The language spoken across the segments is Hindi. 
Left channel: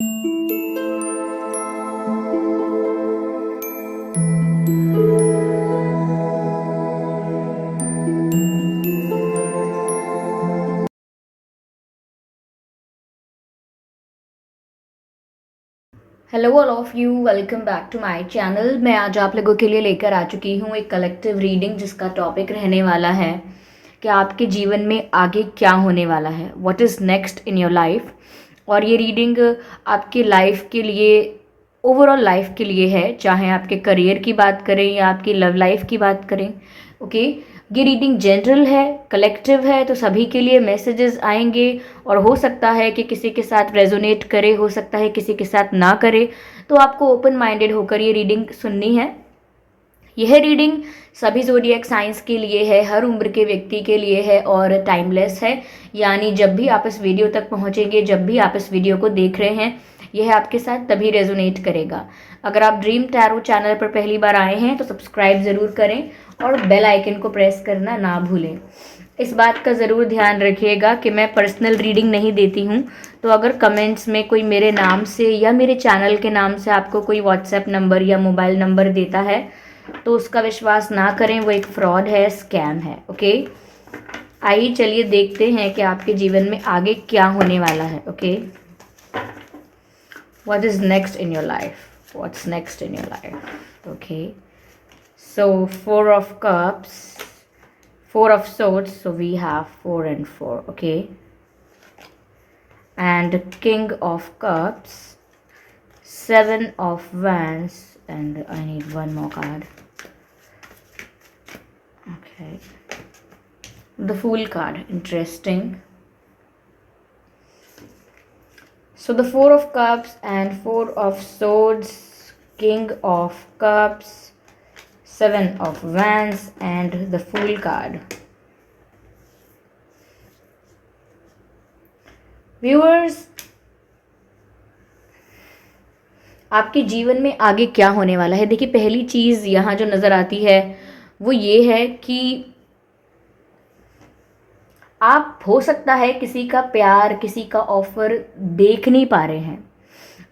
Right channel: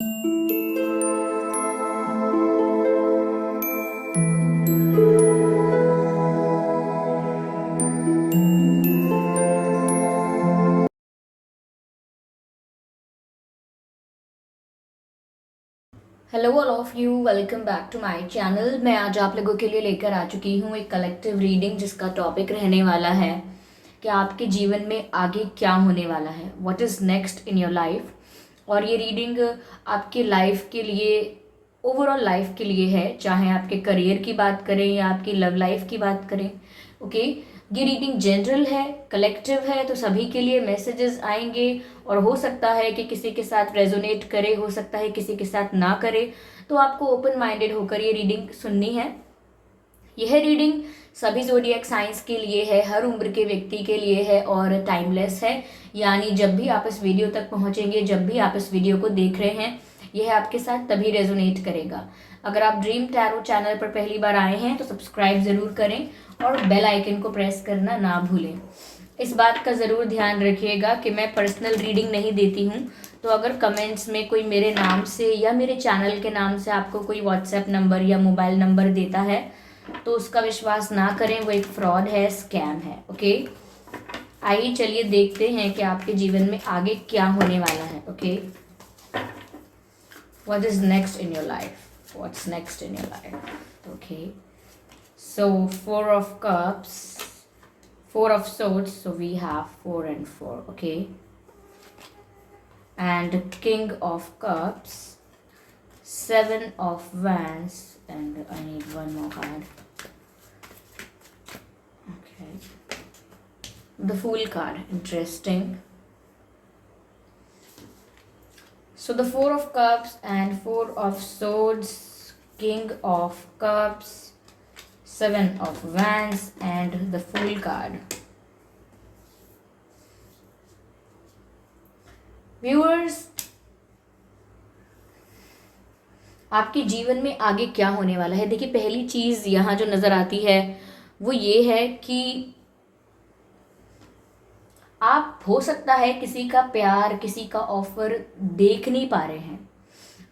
Hello all of you, welcome back to my channel. मैं आज आप लोगों के लिए लेकर आ चुकी हूँ एक कलेक्टिव रीडिंग जिसका टॉपिक रहने वाला है कि आपके जीवन में आगे क्या होने वाला है, what is next in your life. और ये रीडिंग आपके लाइफ के लिए, ओवरऑल लाइफ के लिए है, चाहे आपके करियर की बात करें या आपकी लव लाइफ की बात करें। ओके, ये रीडिंग जनरल है, कलेक्टिव है, तो सभी के लिए मैसेजेस आएंगे और हो सकता है कि किसी के साथ रेजोनेट करे, हो सकता है किसी के साथ ना करे। तो आपको ओपन माइंडेड होकर ये रीडिंग सुननी है। यह रीडिंग सभी ज़ोडिएक साइंस के लिए है, हर उम्र के व्यक्ति के लिए है और टाइमलेस है। यानी जब भी आप इस वीडियो तक पहुंचेंगे, जब भी आप इस वीडियो को देख रहे हैं, यह आपके साथ तभी रेजोनेट करेगा। अगर आप ड्रीम टैरो चैनल पर पहली बार आए हैं तो सब्सक्राइब ज़रूर करें और बेल आइकन को प्रेस करना ना भूलें। इस बात का ज़रूर ध्यान रखिएगा कि मैं पर्सनल रीडिंग नहीं देती हूँ। तो अगर कमेंट्स में कोई मेरे नाम से या मेरे चैनल के नाम से आपको कोई व्हाट्सएप नंबर या मोबाइल नंबर देता है तो उसका विश्वास ना करें, वो एक फ्रॉड है, स्कैम है। ओके, आइए चलिए देखते हैं कि आपके जीवन में आगे क्या होने वाला है। Okay, what is next in your life, what's next in your life. Okay, so four of cups, four of swords, so we have 4 and 4. Okay, and king of cups, 7 of wands, and I need one more card. Okay, the fool card, interesting. So the 4 of cups and 4 of swords, king of cups, 7 of wands and the fool card. Viewers, आपके जीवन में आगे क्या होने वाला है। देखिए, पहली चीज़ यहाँ जो नज़र आती है वो ये है कि आप, हो सकता है किसी का प्यार, किसी का ऑफर देख नहीं पा रहे हैं।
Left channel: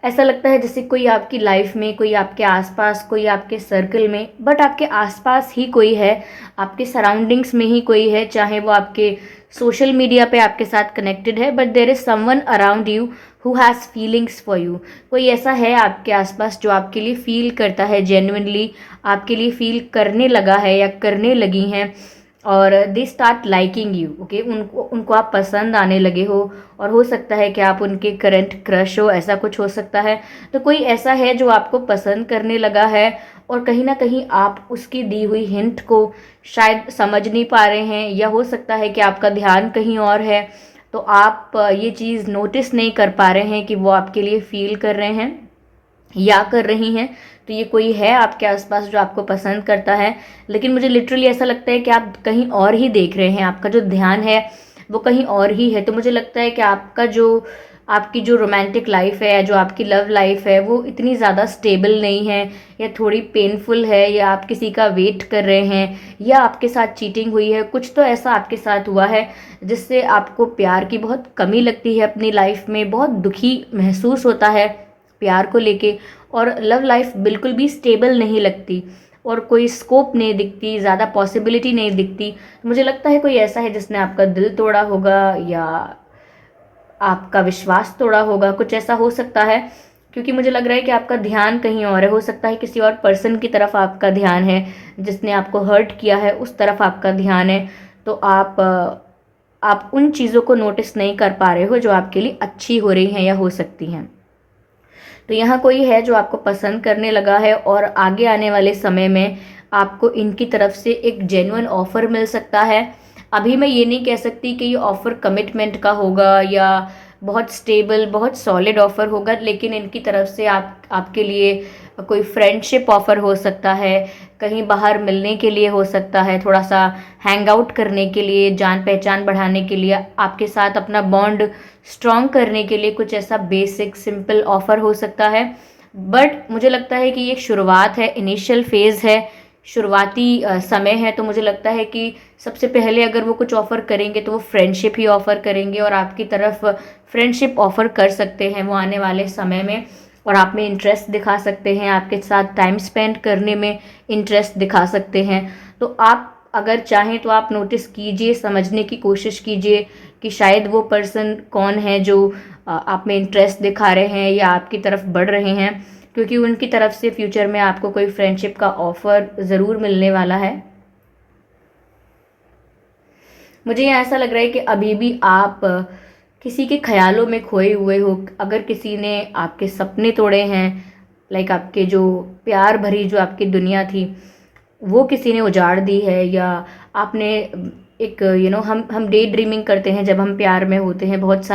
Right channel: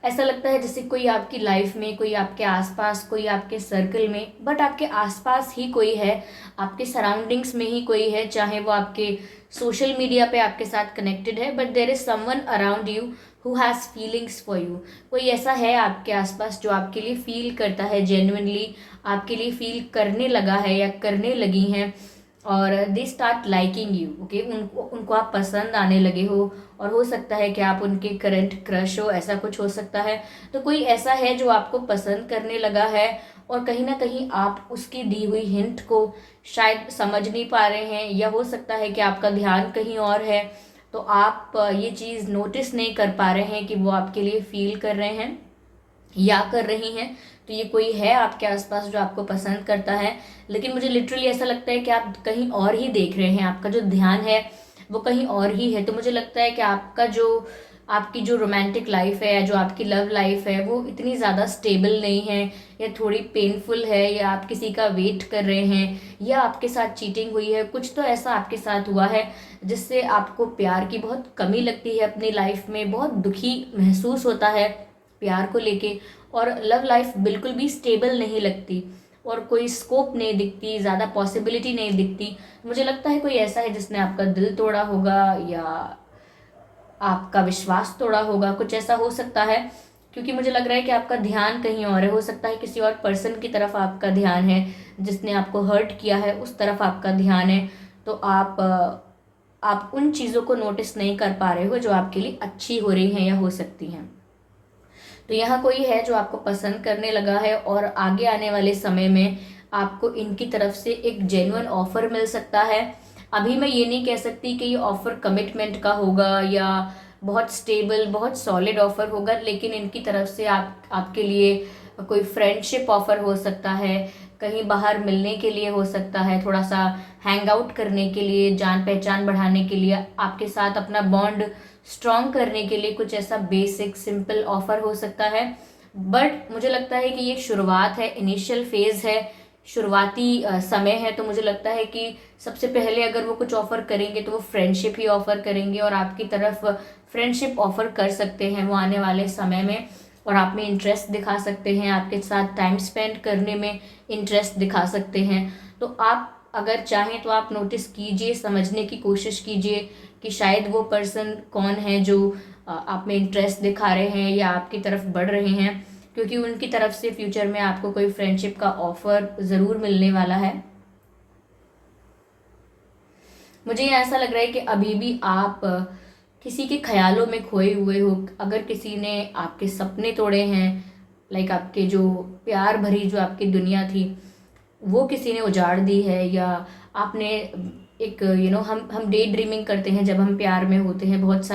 ऐसा लगता है जैसे कोई आपकी लाइफ में, कोई आपके आसपास, कोई आपके सर्कल में, बट आपके आसपास ही कोई है, आपके सराउंडिंग्स में ही कोई है, चाहे वो आपके सोशल मीडिया पे आपके साथ कनेक्टेड है, but there is someone around you who has feelings for you. कोई ऐसा है आपके आसपास जो आपके लिए फील करता है, जेन्युइनली आपके लिए फील करने लगा है या करने लगी हैं, और they start liking you. Okay, उनको उनको आप पसंद आने लगे हो, और हो सकता है कि आप उनके करंट क्रश हो, ऐसा कुछ हो सकता है। तो कोई ऐसा है जो आपको पसंद करने लगा है और कहीं ना कहीं आप उसकी दी हुई हिंट को शायद समझ नहीं पा रहे हैं, या हो सकता है कि आपका ध्यान कहीं और है, तो आप ये चीज़ नोटिस नहीं कर पा रहे हैं कि वो आपके लिए फील कर रहे हैं या कर रही हैं। तो ये कोई है आपके आसपास जो आपको पसंद करता है, लेकिन मुझे लिटरली ऐसा लगता है कि आप कहीं और ही देख रहे हैं, आपका जो ध्यान है वो कहीं और ही है। तो मुझे लगता है कि आपकी जो रोमांटिक लाइफ है, जो आपकी लव लाइफ है, वो इतनी ज़्यादा स्टेबल नहीं है, या थोड़ी पेनफुल है, या आप किसी का वेट कर रहे हैं, या आपके साथ चीटिंग हुई है, कुछ तो ऐसा आपके साथ हुआ है जिससे आपको प्यार की बहुत कमी लगती है अपनी लाइफ में, बहुत दुखी महसूस होता है प्यार को लेके, और लव लाइफ बिल्कुल भी स्टेबल नहीं लगती और कोई स्कोप नहीं दिखती, ज़्यादा पॉसिबिलिटी नहीं दिखती। मुझे लगता है कोई ऐसा है जिसने आपका दिल तोड़ा होगा या आपका विश्वास तोड़ा होगा, कुछ ऐसा हो सकता है, क्योंकि मुझे लग रहा है कि आपका ध्यान कहीं और है। हो सकता है किसी और पर्सन की तरफ आपका ध्यान है, जिसने आपको हर्ट किया है उस तरफ आपका ध्यान है। तो आप उन चीज़ों को नोटिस नहीं कर पा रहे हो जो आपके लिए अच्छी हो रही हैं या हो सकती हैं। तो यहाँ कोई है जो आपको पसंद करने लगा है, और आगे आने वाले समय में आपको इनकी तरफ से एक जेन्युइन ऑफर मिल सकता है। अभी मैं ये नहीं कह सकती कि ये ऑफर कमिटमेंट का होगा या बहुत स्टेबल, बहुत सॉलिड ऑफर होगा, लेकिन इनकी तरफ से आपके लिए कोई फ्रेंडशिप ऑफर हो सकता है, कहीं बाहर मिलने के लिए हो सकता है, थोड़ा सा हैंग आउट करने के लिए, जान पहचान बढ़ाने के लिए, आपके साथ अपना बॉन्ड स्ट्रॉन्ग करने के लिए कुछ ऐसा बेसिक सिंपल ऑफर हो सकता है। बट मुझे लगता है कि ये एक शुरुआत है, इनिशियल फेज है, शुरुआती समय है, तो मुझे लगता है कि सबसे पहले अगर वो कुछ ऑफ़र करेंगे तो वो फ्रेंडशिप ही ऑफ़र करेंगे, और आपकी तरफ फ्रेंडशिप ऑफ़र कर सकते हैं वो आने वाले समय में, और आप में इंटरेस्ट दिखा सकते हैं, आपके साथ टाइम स्पेंड करने में इंटरेस्ट दिखा सकते हैं। तो आप अगर चाहें तो आप नोटिस कीजिए, समझने की कोशिश कीजिए कि शायद वो पर्सन कौन है जो आप में इंटरेस्ट दिखा रहे हैं या आपकी तरफ बढ़ रहे हैं, क्योंकि उनकी तरफ से फ्यूचर में आपको कोई फ्रेंडशिप का ऑफ़र ज़रूर मिलने वाला है। मुझे यहाँ ऐसा लग रहा है कि अभी भी आप किसी के ख्यालों में खोए हुए हो। अगर किसी ने आपके सपने तोड़े हैं, लाइक आपके जो प्यार भरी जो आपकी दुनिया थी वो किसी ने उजाड़ दी है, या आपने एक हम डे ड्रीमिंग करते हैं जब हम प्यार में होते हैं, बहुत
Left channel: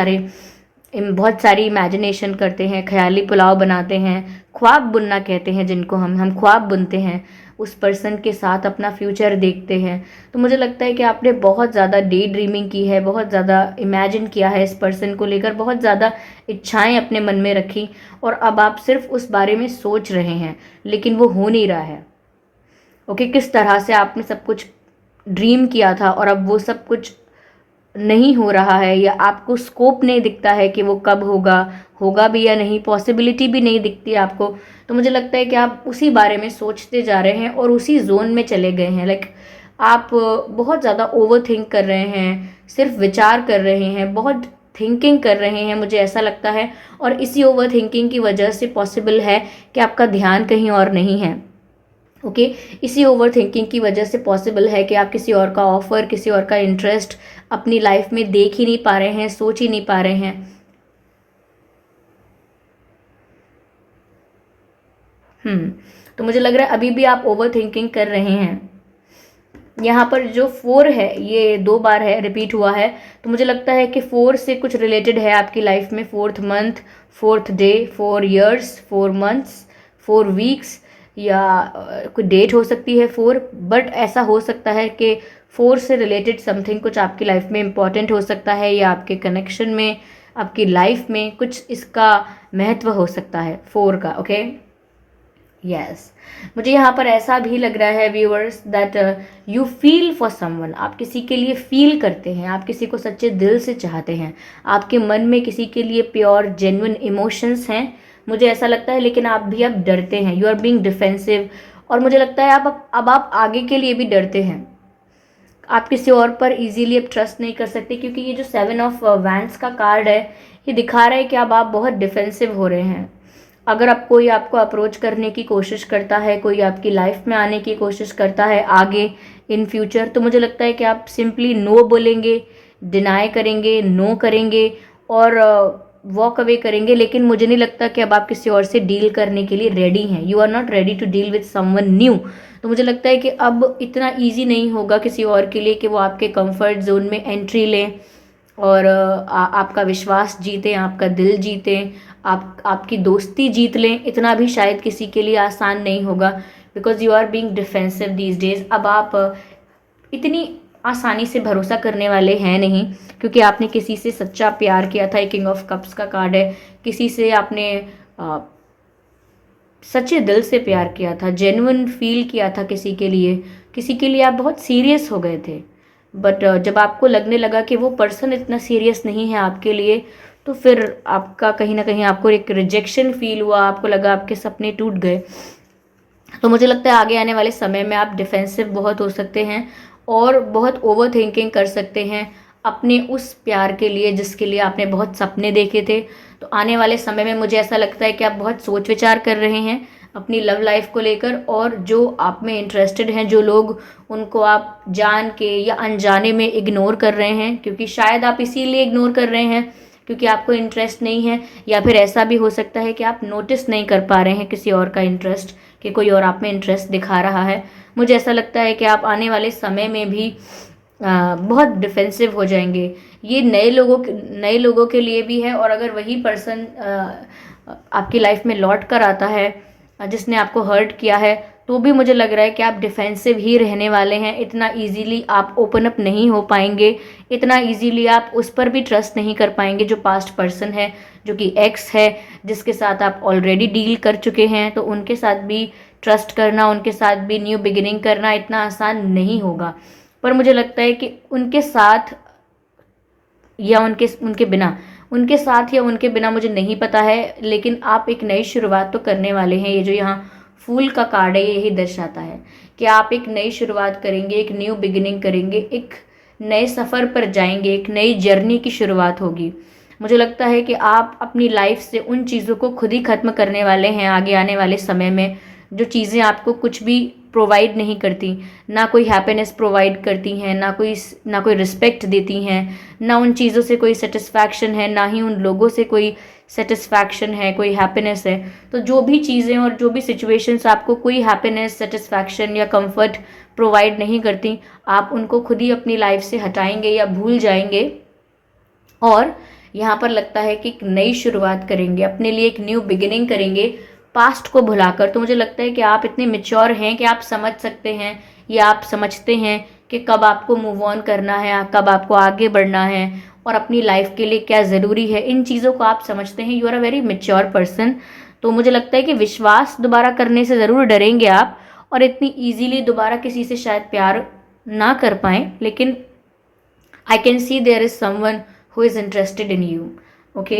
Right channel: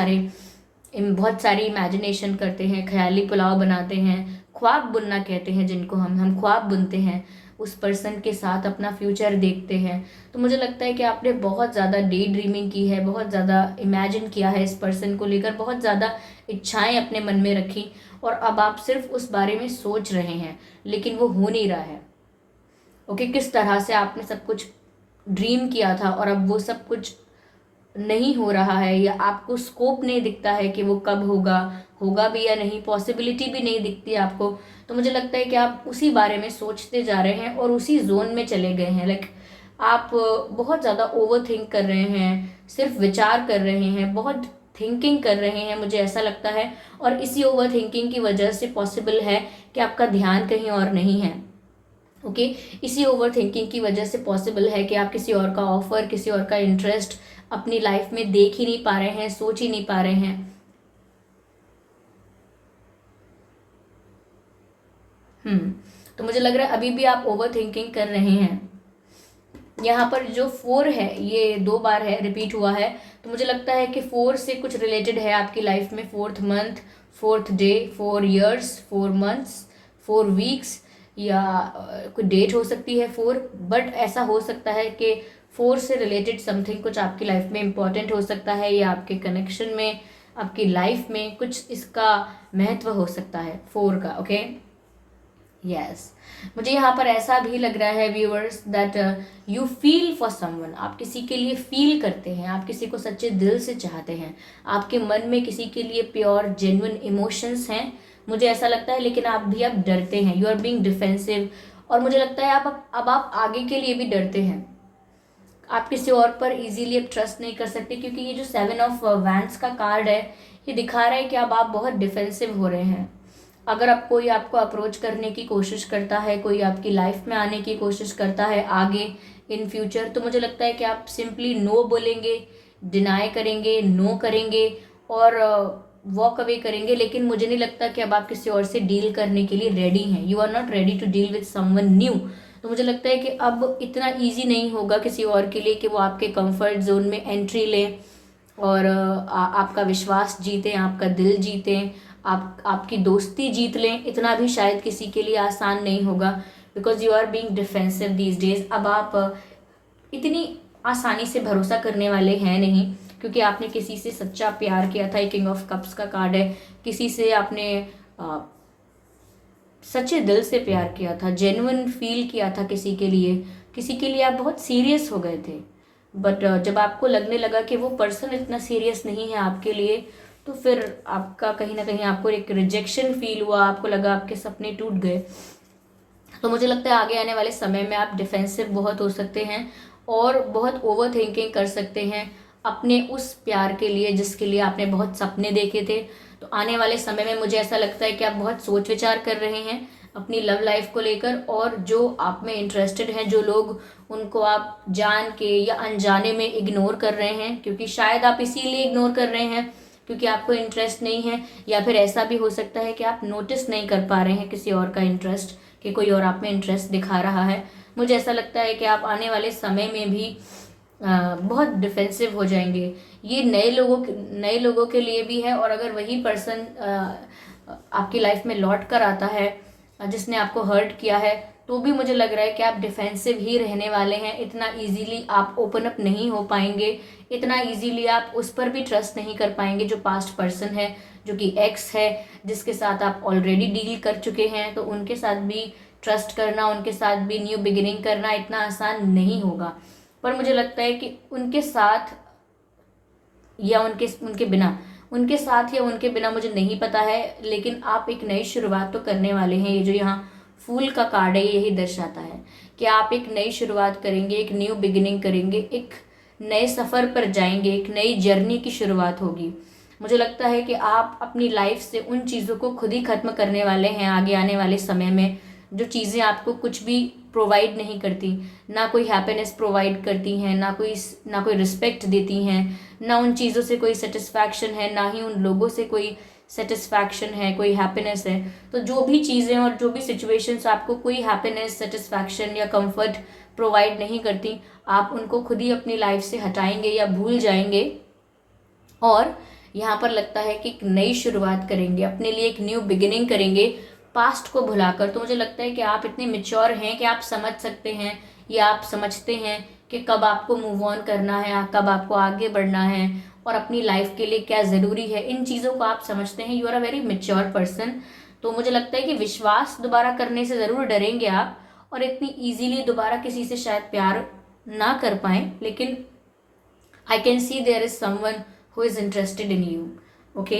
सारी इमेजिनेशन करते हैं, ख्याली पुलाव बनाते हैं, ख्वाब बुनना कहते हैं जिनको हम ख्वाब बुनते हैं, उस पर्सन के साथ अपना फ्यूचर देखते हैं। तो मुझे लगता है कि आपने बहुत ज़्यादा डे ड्रीमिंग की है, बहुत ज़्यादा इमेजिन किया है इस पर्सन को लेकर, बहुत ज़्यादा इच्छाएं अपने मन में रखी, और अब आप सिर्फ उस बारे में सोच रहे हैं लेकिन वो हो नहीं रहा है। ओके, किस तरह से आपने सब कुछ ड्रीम किया था और अब वो सब कुछ नहीं हो रहा है, या आपको स्कोप नहीं दिखता है कि वो कब होगा, होगा भी या नहीं, पॉसिबिलिटी भी नहीं दिखती आपको। तो मुझे लगता है कि आप उसी बारे में सोचते जा रहे हैं और उसी जोन में चले गए हैं। लाइक आप बहुत ज़्यादा ओवर थिंक कर रहे हैं, सिर्फ विचार कर रहे हैं, बहुत थिंकिंग कर रहे हैं, मुझे ऐसा लगता है। और इसी ओवर थिंकिंग की वजह से पॉसिबल है कि आपका ध्यान कहीं और नहीं है। ओके, इसी ओवर थिंकिंग की वजह से पॉसिबल है कि आप किसी और का ऑफर, किसी और का इंटरेस्ट अपनी लाइफ में देख ही नहीं पा रहे हैं, सोच ही नहीं पा रहे हैं। तो मुझे लग रहा है अभी भी आप ओवर थिंकिंग कर रहे हैं। यहाँ पर जो 4 है ये 2 बार है, रिपीट हुआ है, तो मुझे लगता है कि 4 से कुछ रिलेटेड है आपकी लाइफ में। 4th month, 4th day, 4 years, 4 months, 4 weeks, या कोई डेट हो सकती है 4। बट ऐसा हो सकता है कि 4 से रिलेटेड समथिंग कुछ आपकी लाइफ में इम्पॉर्टेंट हो सकता है, या आपके कनेक्शन में, आपकी लाइफ में कुछ इसका महत्व हो सकता है 4 का। ओके, यस, मुझे यहाँ पर ऐसा भी लग रहा है viewers that you feel for someone. आप किसी के लिए फील करते हैं, आप किसी को सच्चे दिल से चाहते हैं, आपके मन में किसी के लिए प्योर जेन्युइन इमोशंस हैं, मुझे ऐसा लगता है। लेकिन आप भी अब डरते हैं, यू आर बीइंग डिफेंसिव, और मुझे लगता है अब आप आगे के लिए भी डरते हैं। आप किसी और पर इजीली अब ट्रस्ट नहीं कर सकते, क्योंकि ये जो 7 ऑफ वैंड्स का कार्ड है ये दिखा रहा है कि अब आप बहुत डिफेंसिव हो रहे हैं। अगर अब कोई आपको अप्रोच करने की कोशिश करता है, कोई आपकी लाइफ में आने की कोशिश करता है आगे इन फ्यूचर, तो मुझे लगता है कि आप सिंपली नो बोलेंगे, डिनाई करेंगे, नो करेंगे और वॉक अवे करेंगे। लेकिन मुझे नहीं लगता कि अब आप किसी और से डील करने के लिए रेडी हैं। You are not ready to deal with someone new. तो मुझे लगता है कि अब इतना ईजी नहीं होगा किसी और के लिए कि वो आपके कंफर्ट जोन में एंट्री लें और आपका विश्वास जीतें, आपका दिल जीतें, आपकी दोस्ती जीत लें। इतना भी शायद किसी के लिए आसान नहीं होगा, because you are being defensive these days. अब आप इतनी आसानी से भरोसा करने वाले हैं नहीं, क्योंकि आपने किसी से सच्चा प्यार किया था। किंग ऑफ कप्स का कार्ड है, किसी से आपने सच्चे दिल से प्यार किया था, जेन्युइन फील किया था किसी के लिए आप बहुत सीरियस हो गए थे। बट जब आपको लगने लगा कि वो पर्सन इतना सीरियस नहीं है आपके लिए, तो फिर आपका कहीं ना कहीं आपको एक रिजेक्शन फील हुआ, आपको लगा आपके सपने टूट गए। तो मुझे लगता है आगे आने वाले समय में आप डिफेंसिव बहुत हो सकते हैं और बहुत ओवर थिंकिंग कर सकते हैं अपने उस प्यार के लिए जिसके लिए आपने बहुत सपने देखे थे। तो आने वाले समय में मुझे ऐसा लगता है कि आप बहुत सोच विचार कर रहे हैं अपनी लव लाइफ को लेकर, और जो आप में इंटरेस्टेड हैं जो लोग, उनको आप जान के या अनजाने में इग्नोर कर रहे हैं, क्योंकि शायद आप इसीलिए इग्नोर कर रहे हैं क्योंकि आपको इंटरेस्ट नहीं है, या फिर ऐसा भी हो सकता है कि आप नोटिस नहीं कर पा रहे हैं किसी और का इंटरेस्ट, कि कोई और आप में इंटरेस्ट दिखा रहा है। मुझे ऐसा लगता है कि आप आने वाले समय में भी बहुत डिफेंसिव हो जाएंगे। ये नए लोगों के लिए भी है, और अगर वही पर्सन आपकी लाइफ में लौट कर आता है जिसने आपको हर्ट किया है, तो भी मुझे लग रहा है कि आप डिफेंसिव ही रहने वाले हैं। इतना इजीली आप ओपन अप नहीं हो पाएंगे, इतना इजीली आप उस पर भी ट्रस्ट नहीं कर पाएंगे जो पास्ट पर्सन है, जो कि एक्स है, जिसके साथ आप ऑलरेडी डील कर चुके हैं। तो उनके साथ भी ट्रस्ट करना, उनके साथ भी न्यू बिगिनिंग करना इतना आसान नहीं होगा। पर मुझे लगता है कि उनके साथ या उनके उनके बिना उनके साथ या उनके बिना मुझे नहीं पता है, लेकिन आप एक नई शुरुआत तो करने वाले हैं। ये जो यहाँ फूल का कार्ड है यही दर्शाता है कि आप एक नई शुरुआत करेंगे, एक न्यू बिगिनिंग करेंगे, एक नए सफ़र पर जाएंगे, एक नई जर्नी की शुरुआत होगी। मुझे लगता है कि आप अपनी लाइफ से उन चीज़ों को खुद ही ख़त्म करने वाले हैं आगे आने वाले समय में, जो चीज़ें आपको कुछ भी प्रोवाइड नहीं करती, ना कोई हैप्पीनेस प्रोवाइड करती हैं, ना कोई रिस्पेक्ट देती हैं, ना उन चीज़ों से कोई सेटिस्फैक्शन है, ना ही उन लोगों से कोई सेटिस्फैक्शन है, कोई हैप्पीनेस है। तो जो भी चीज़ें और जो भी सिचुएशंस आपको कोई हैप्पीनेस, सेटिस्फैक्शन या कंफर्ट प्रोवाइड नहीं करती, आप उनको खुद ही अपनी लाइफ से हटाएंगे या भूल जाएंगे। और यहाँ पर लगता है कि एक नई शुरुआत करेंगे, अपने लिए एक न्यू बिगिनिंग करेंगे पास्ट को भुलाकर। तो मुझे लगता है कि आप इतने मैच्योर हैं कि आप समझ सकते हैं या आप समझते हैं कि कब आपको मूव ऑन करना है, कब आपको आगे बढ़ना है और अपनी लाइफ के लिए क्या ज़रूरी है। इन चीज़ों को आप समझते हैं। You are a very mature person. तो मुझे लगता है कि विश्वास दोबारा करने से ज़रूर डरेंगे आप, और इतनी ईजीली दोबारा किसी से शायद प्यार ना कर पाएँ, लेकिन I can see there is someone who is interested in you. Okay,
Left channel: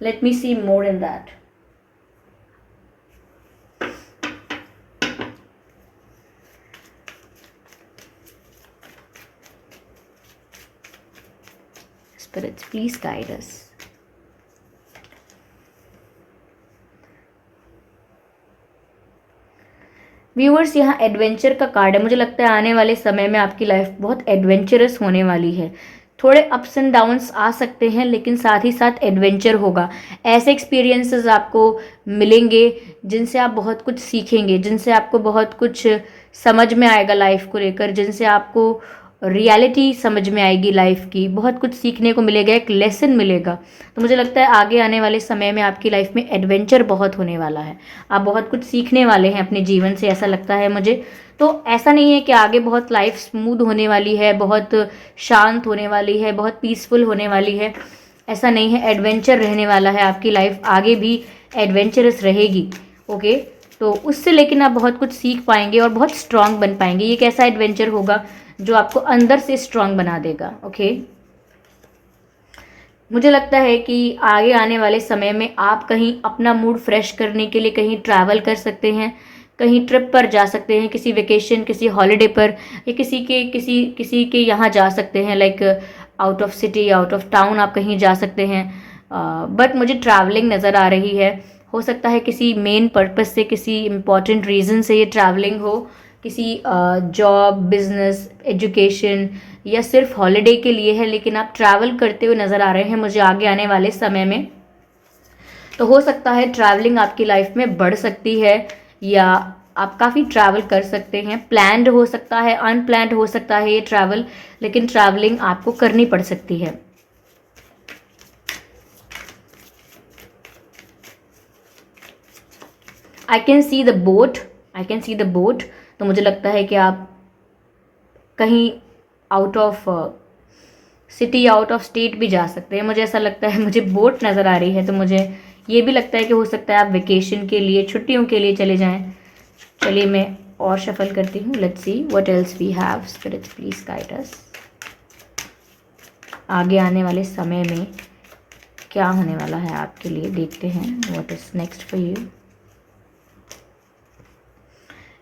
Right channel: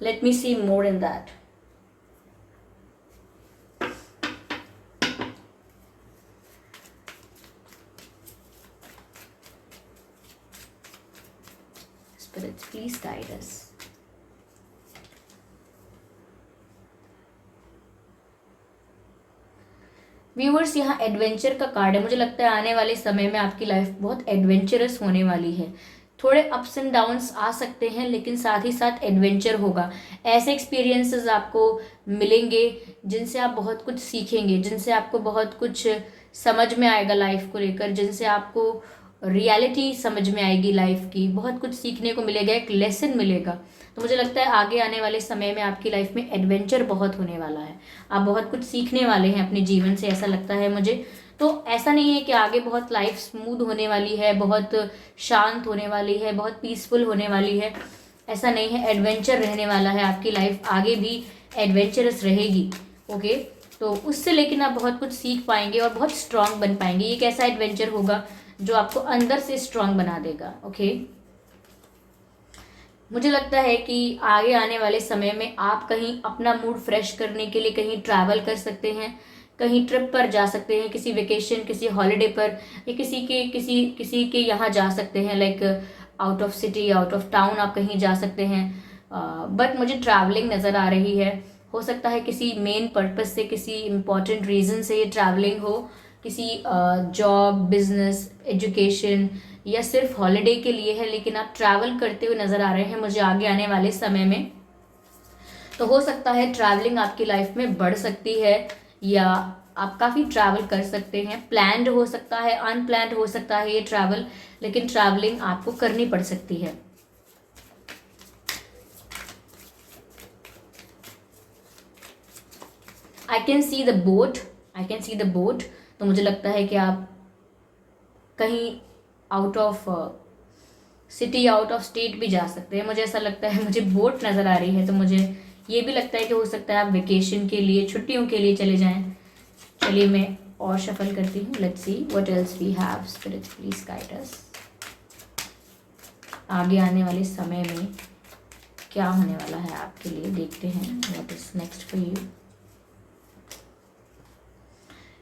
let me see more in that. Spirits, please guide us. Viewers, यहाँ एडवेंचर का कार्ड है। मुझे लगता है आने वाले समय में आपकी लाइफ बहुत एडवेंचरस होने वाली है। थोड़े अप्स एंड डाउन्स आ सकते हैं, लेकिन साथ ही साथ एडवेंचर होगा। ऐसे एक्सपीरियंसेस आपको मिलेंगे जिनसे आप बहुत कुछ सीखेंगे, जिनसे आपको बहुत कुछ समझ में आएगा लाइफ को लेकर, जिनसे आपको रियलिटी समझ में आएगी लाइफ की, बहुत कुछ सीखने को मिलेगा, एक लेसन मिलेगा। तो मुझे लगता है आगे आने वाले समय में आपकी लाइफ में एडवेंचर बहुत होने वाला है। आप बहुत कुछ सीखने वाले हैं अपने जीवन से, ऐसा लगता है मुझे। तो ऐसा नहीं है कि आगे बहुत लाइफ स्मूथ होने वाली है, बहुत शांत होने वाली है, बहुत पीसफुल होने वाली है, ऐसा नहीं है। एडवेंचर रहने वाला है आपकी लाइफ, आगे भी एडवेंचरस रहेगी। ओके, तो उससे लेकिन आप बहुत कुछ सीख पाएंगे और बहुत स्ट्रांग बन पाएंगे। ये कैसा एडवेंचर होगा जो आपको अंदर से स्ट्रांग बना देगा। ओके, मुझे लगता है कि आगे आने वाले समय में आप कहीं अपना मूड फ्रेश करने के लिए कहीं ट्रैवल कर सकते हैं, कहीं ट्रिप पर जा सकते हैं, किसी वेकेशन, किसी हॉलिडे पर, या किसी के यहाँ जा सकते हैं, like out of city, out of town आप कहीं जा सकते हैं। बट मुझे ट्रैवलिंग नज़र आ रही है। हो सकता है किसी मेन पर्पस से, किसी इम्पॉर्टेंट रीज़न से ये ट्रैवलिंग हो, किसी जॉब, बिजनेस, एजुकेशन या सिर्फ हॉलिडे के लिए है, लेकिन आप ट्रैवल करते हुए नज़र आ रहे हैं मुझे आगे आने वाले समय में। तो हो सकता है ट्रैवलिंग आपकी लाइफ में बढ़ सकती है, या आप काफ़ी ट्रैवल कर सकते हैं। प्लान्ड हो सकता है, अनप्लान्ड हो सकता है ये ट्रैवल, लेकिन ट्रैवलिंग आपको करनी पड़ सकती है। आई can see the boat, I can see the boat. तो मुझे लगता है कि आप कहीं out of city, out of state भी जा सकते हैं। मुझे ऐसा लगता है, मुझे बोट नज़र आ रही है, तो मुझे ये भी लगता है कि हो सकता है आप वेकेशन के लिए, छुट्टियों के लिए चले जाएं। चलिए मैं और शफल करती हूँ। Let's see what else we have. Spirits, please guide us. आगे आने वाले समय में क्या होने वाला है आपके लिए, देखते हैं what is next for you.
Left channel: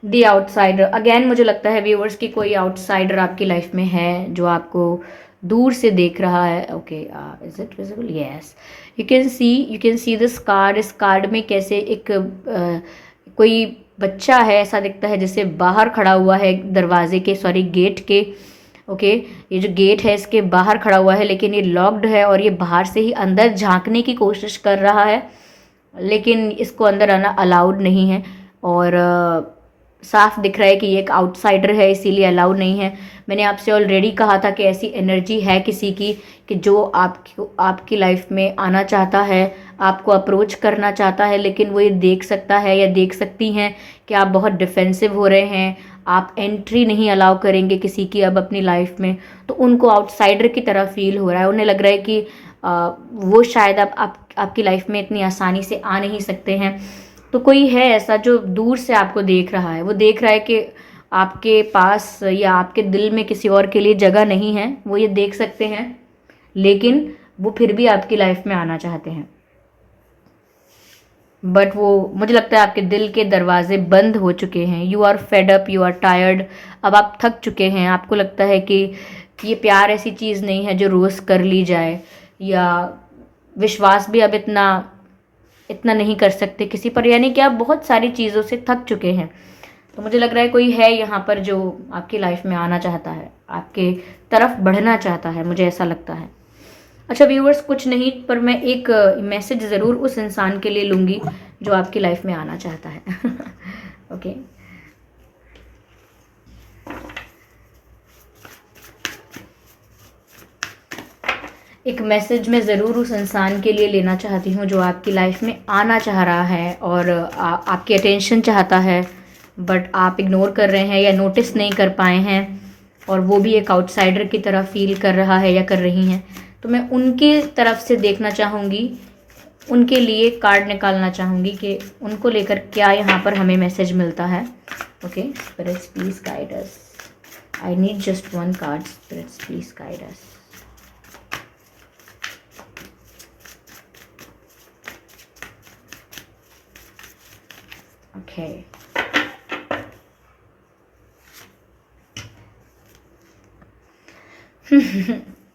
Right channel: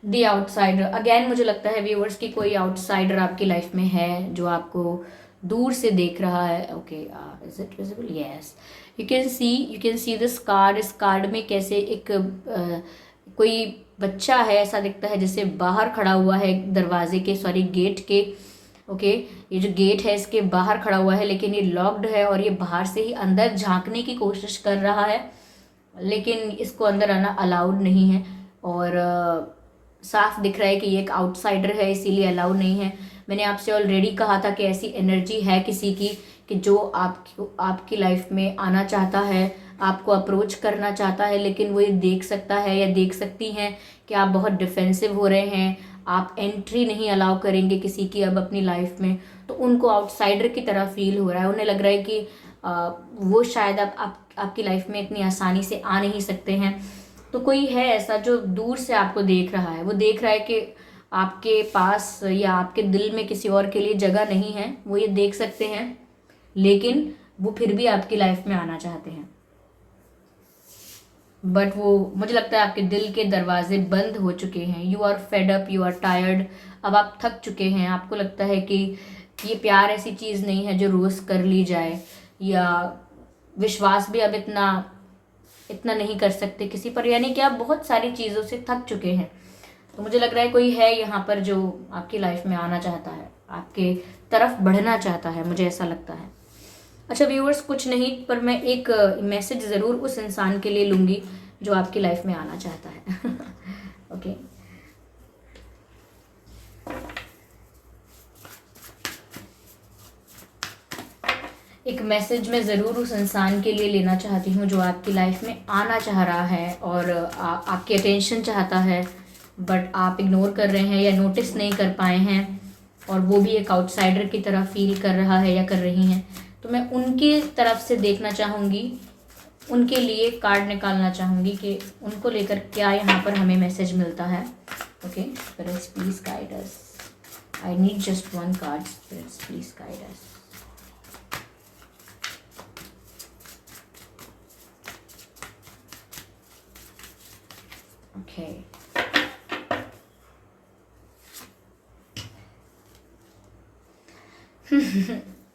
The outsider, again मुझे लगता है व्यूअर्स की कोई आउटसाइडर आपकी लाइफ में है जो आपको दूर से देख रहा है। Okay, is it visible? Yes, you can see this card. इस कार्ड में कैसे एक कोई बच्चा है, ऐसा दिखता है जैसे बाहर खड़ा हुआ है दरवाजे के, सॉरी गेट के। ओके, ये जो गेट है इसके बाहर खड़ा हुआ है, लेकिन ये लॉक्ड है और ये बाहर से ही अंदर झांकने की कोशिश कर रहा है, लेकिन इसको अंदर आना अलाउड नहीं है। और साफ दिख रहा है कि ये एक आउटसाइडर है, इसीलिए अलाउड नहीं है। मैंने आपसे ऑलरेडी कहा था कि ऐसी एनर्जी है किसी की कि जो आपकी लाइफ में आना चाहता है, आपको अप्रोच करना चाहता है, लेकिन वो ये देख सकता है या देख सकती हैं कि आप बहुत डिफेंसिव हो रहे हैं, आप एंट्री नहीं अलाउ करेंगे किसी की अब अपनी लाइफ में। तो उनको आउटसाइडर की तरह फील हो रहा है, उन्हें लग रहा है कि वो शायद आपकी लाइफ में इतनी आसानी से आ नहीं सकते हैं। तो कोई है ऐसा जो दूर से आपको देख रहा है, वो देख रहा है कि आपके पास या आपके दिल में किसी और के लिए जगह नहीं है, वो ये देख सकते हैं, लेकिन वो फिर भी आपकी लाइफ में आना चाहते हैं। बट वो, मुझे लगता है आपके दिल के दरवाजे बंद हो चुके हैं। You are fed up, you are tired. अब आप थक चुके हैं। आपको लगता है कि ये प्यार ऐसी चीज़ नहीं है जो रोज़ कर ली जाए, या विश्वास भी अब इतना इतना नहीं कर सकते किसी पर, यानी कि आप बहुत सारी चीज़ों से थक चुके हैं। तो मुझे लग रहा है कोई है यहाँ पर जो आपकी लाइफ में आना चाहता है, आपके तरफ बढ़ना चाहता है, मुझे ऐसा लगता है। अच्छा व्यूअर्स, कुछ नहीं, पर मैं एक मैसेज ज़रूर उस इंसान के लिए लूँगी जो आपकी लाइफ में आना चाहता है। ओके, एक मैसेज मैं ज़रूर उस इंसान के लिए लेना चाहती हूँ जो आपकी लाइफ में आना चाह रहा है और आपकी अटेंशन चाहता है, बट आप इग्नोर कर रहे हैं या नोटिस नहीं कर पाए हैं, और वो भी एक आउटसाइडर की तरह फील कर रहा है या कर रही हैं। तो मैं उनकी तरफ से देखना चाहूँगी, उनके लिए कार्ड निकालना चाहूँगी कि उनको लेकर क्या यहाँ पर हमें मैसेज मिलता है। Okay, spirits please guide us. I need just one card, spirits please guide us. Okay.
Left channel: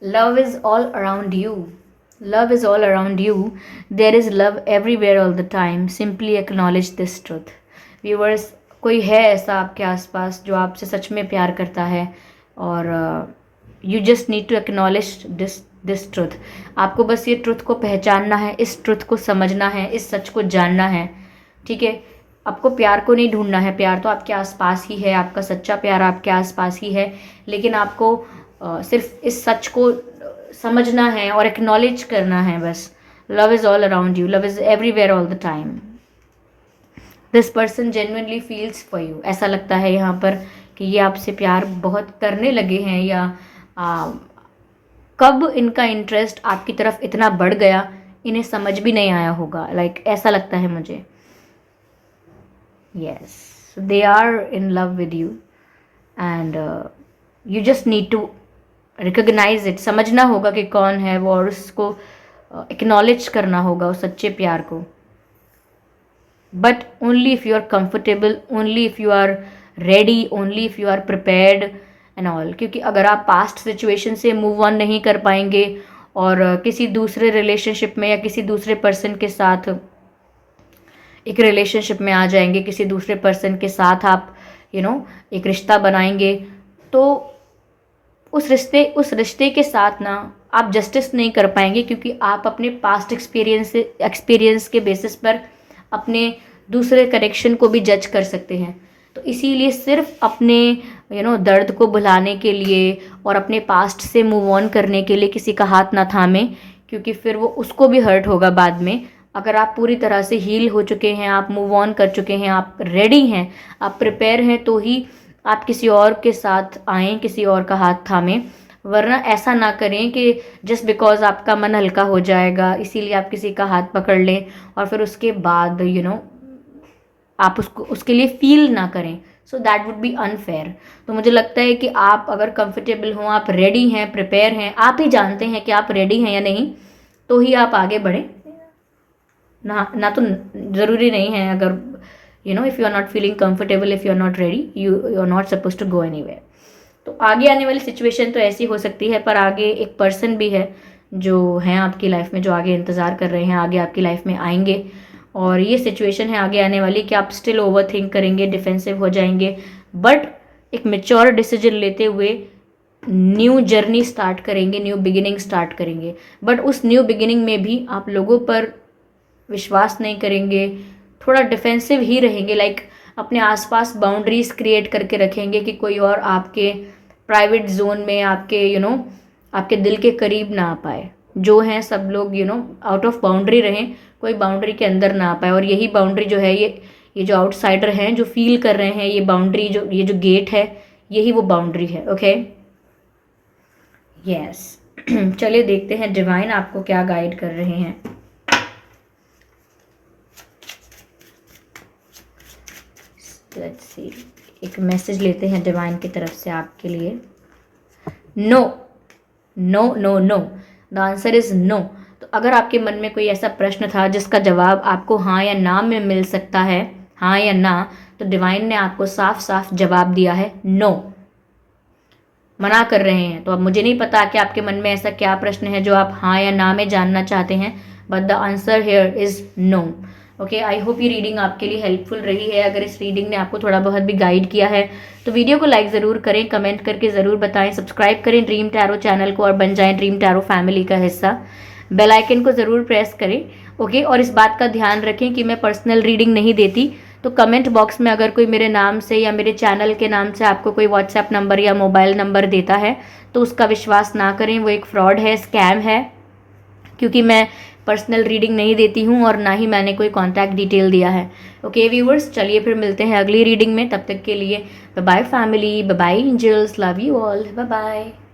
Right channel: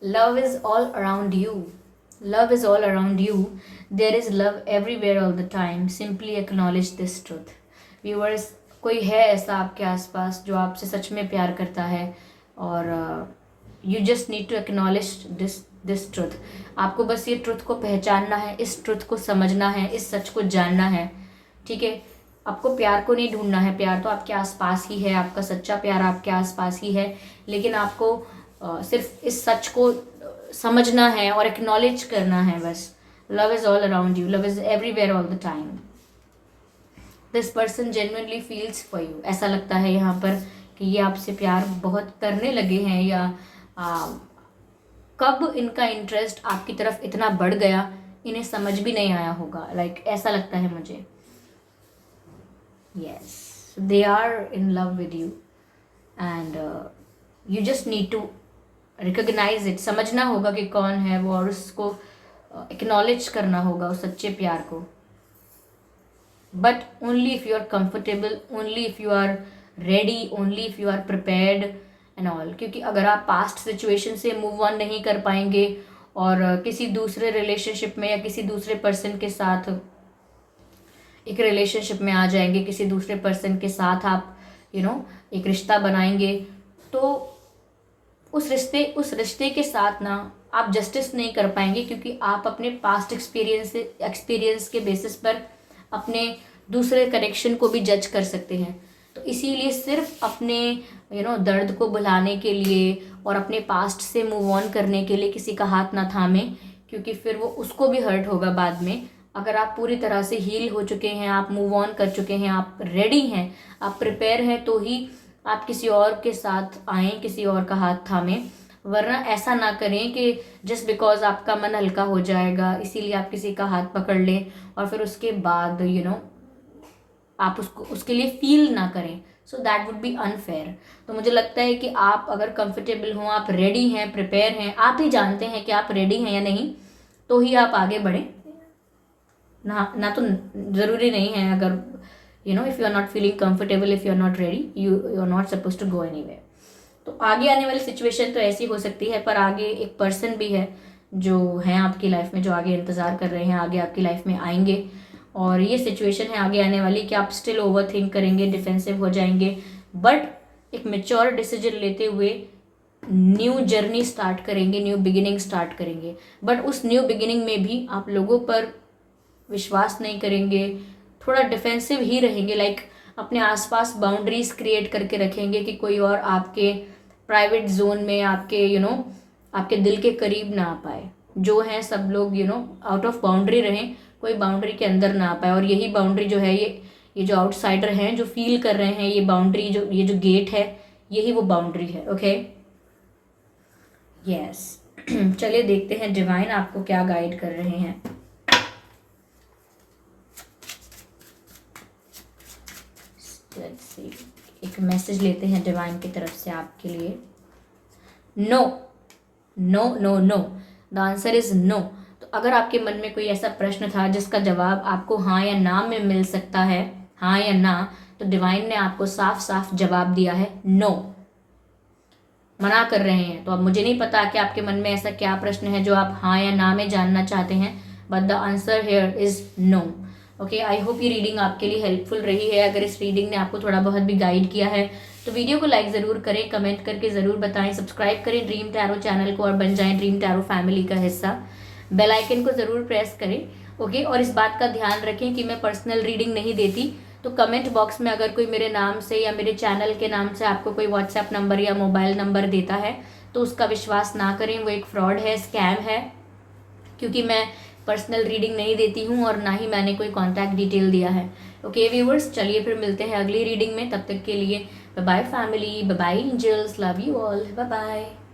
Love is all around you. Love is all around you. There is love everywhere all the time. Simply acknowledge this truth. Viewers, कोई है ऐसा आपके आसपास जो आपसे सच में प्यार करता है, और you just need to acknowledge this truth. आपको बस ये ट्रुथ को पहचानना है, इस ट्रुथ को समझना है, इस सच को जानना है। ठीक है, आपको प्यार को नहीं ढूंढना है, प्यार तो आपके आसपास ही है, आपका सच्चा प्यार आपके आसपास ही है, लेकिन आपको सिर्फ इस सच को समझना है और एक्नॉलेज करना है बस। Love is all around you, love is everywhere all the time. This person genuinely feels for you. ऐसा लगता है यहाँ पर कि ये आपसे प्यार बहुत करने लगे हैं, या कब इनका इंटरेस्ट आपकी तरफ इतना बढ़ गया इन्हें समझ भी नहीं आया होगा, ऐसा लगता है मुझे। Yes, they are in love with you, and you just need to recognize it. समझना होगा कि कौन है वो, और उसको acknowledge करना होगा उस सच्चे प्यार को। But only if you are comfortable, only if you are ready, only if you are prepared and all. क्योंकि अगर आप past situation से move on नहीं कर पाएंगे और किसी दूसरे relationship में या किसी दूसरे person के साथ एक रिलेशनशिप में आ जाएंगे, किसी दूसरे पर्सन के साथ आप एक रिश्ता बनाएंगे, तो उस रिश्ते के साथ ना आप जस्टिस नहीं कर पाएंगे, क्योंकि आप अपने पास्ट एक्सपीरियंस के बेसिस पर अपने दूसरे कनेक्शन को भी जज कर सकते हैं। तो इसीलिए सिर्फ अपने दर्द को भुलाने के लिए और अपने पास्ट से मूव ऑन करने के लिए किसी का हाथ ना थामें, क्योंकि फिर वो उसको भी हर्ट होगा बाद में। अगर आप पूरी तरह से हील हो चुके हैं, आप मूव ऑन कर चुके हैं, आप रेडी हैं, आप प्रिपेयर हैं, तो ही आप किसी और के साथ आएँ, किसी और का हाथ थामें। वरना ऐसा ना करें कि जस्ट बिकॉज आपका मन हल्का हो जाएगा इसीलिए आप किसी का हाथ पकड़ लें और फिर उसके बाद आप उसके लिए फील ना करें। So that would be unfair. तो मुझे लगता है कि आप अगर कंफर्टेबल हों, आप रेडी हैं, प्रिपेयर हैं, आप ही जानते हैं कि आप रेडी हैं या नहीं, तो ही आप आगे बढ़ें। ना तो ज़रूरी नहीं है, अगर if you are not feeling comfortable, if you are not ready, you are not suppose to go anywhere. तो आगे आने वाली सिचुएशन तो ऐसी हो सकती है, पर आगे एक पर्सन भी है जो हैं आपकी लाइफ में, जो आगे इंतज़ार कर रहे हैं, आगे आपकी लाइफ में आएंगे। और ये सिचुएशन है आगे आने वाली कि आप स्टिल ओवर थिंक करेंगे, डिफेंसिव हो जाएंगे, बट एक मेच्योर डिसीजन लेते हुए न्यू जर्नी स्टार्ट करेंगे, न्यू बिगिनिंग स्टार्ट करेंगे। बट उस न्यू बिगिनिंग में भी आप लोगों पर विश्वास नहीं करेंगे, थोड़ा डिफेंसिव ही रहेंगे, अपने आसपास बाउंड्रीज क्रिएट करके रखेंगे कि कोई और आपके प्राइवेट जोन में, आपके आपके दिल के करीब ना आ पाए। जो हैं सब लोग आउट ऑफ बाउंड्री रहें, कोई बाउंड्री के अंदर ना आ पाए। और यही बाउंड्री जो है, ये जो आउटसाइडर हैं जो फील कर रहे हैं, ये बाउंड्री ये जो गेट है, यही वो बाउंड्री है। Okay, yes. चलिए देखते हैं डिवाइन आपको क्या गाइड कर रहे हैं। लेट्स सी, एक मैसेज लेते हैं डिवाइन की तरफ से आपके लिए। No, no no no, the answer is no. तो अगर आपके मन में कोई ऐसा प्रश्न था जिसका जवाब आपको हाँ या ना में मिल सकता है, हाँ या ना, तो डिवाइन ने आपको साफ साफ जवाब दिया है नो, मना कर रहे हैं। तो अब मुझे नहीं पता कि आपके मन में ऐसा क्या प्रश्न है जो आप हाँ या ना में जानना चाहते हैं, but the answer here is no. Okay, I hope ये रीडिंग आपके लिए हेल्पफुल रही है। अगर इस रीडिंग ने आपको थोड़ा बहुत भी गाइड किया है तो वीडियो को लाइक ज़रूर करें, कमेंट करके ज़रूर बताएं, सब्सक्राइब करें ड्रीम टैरो चैनल को और बन जाएं ड्रीम टैरो फैमिली का हिस्सा। बेल आइकन को ज़रूर प्रेस करें। ओके, और इस बात का ध्यान रखें कि मैं पर्सनल रीडिंग नहीं देती, तो कमेंट बॉक्स में अगर कोई मेरे नाम से या मेरे चैनल के नाम से आपको कोई व्हाट्सएप नंबर या मोबाइल नंबर देता है तो उसका विश्वास ना करें, वो एक फ्रॉड है, स्कैम है, क्योंकि मैं पर्सनल रीडिंग नहीं देती हूँ और ना ही मैंने कोई कॉन्टैक्ट डिटेल दिया है। ओके व्यूअर्स, चलिए फिर मिलते हैं अगली रीडिंग में। तब तक के लिए bye bye family, bye bye angels, love you all, bye bye.